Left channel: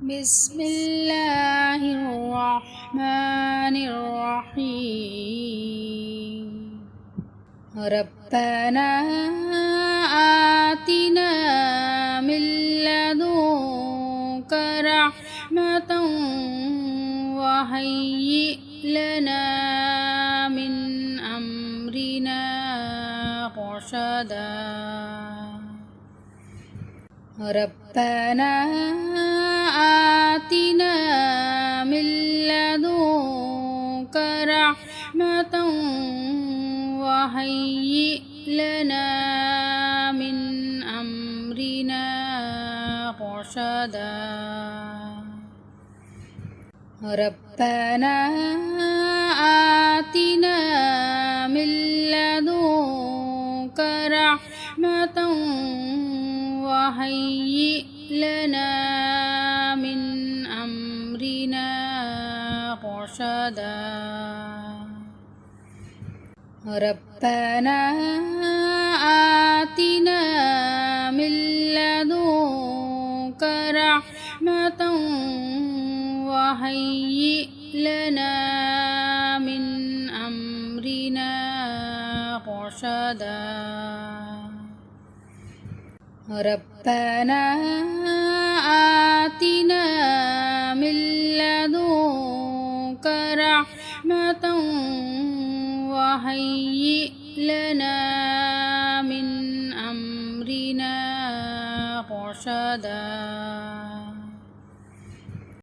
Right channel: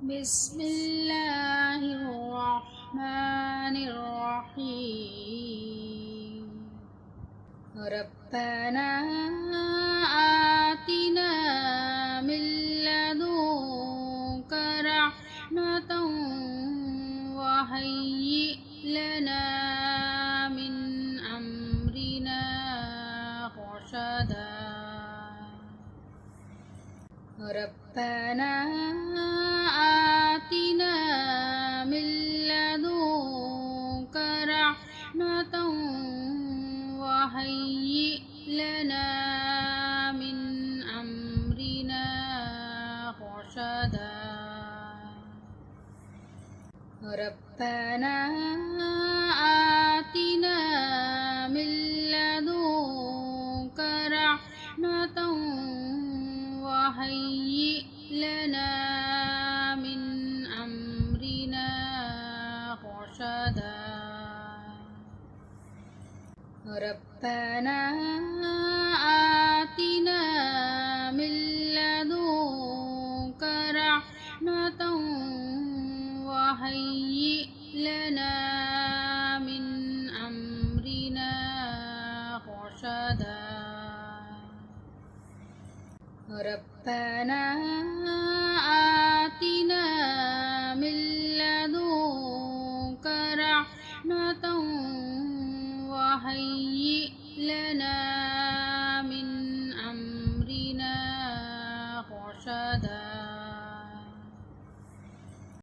بسم الله الرحمن الرحيم ربنا آتنا من لدنك رحمة وهيئ لنا من أمرنا رشدا ربنا آتنا من لدنك رحمة وهيئ لنا من أمرنا رشدا ربنا آتنا من لدنك رحمة وهيئ لنا من أمرنا رشدا ربنا آتنا من لدنك رحمة وهيئ لنا من أمرنا رشدا ربنا آتنا من لدنك رحمة وهيئ لنا من أمرنا رشدا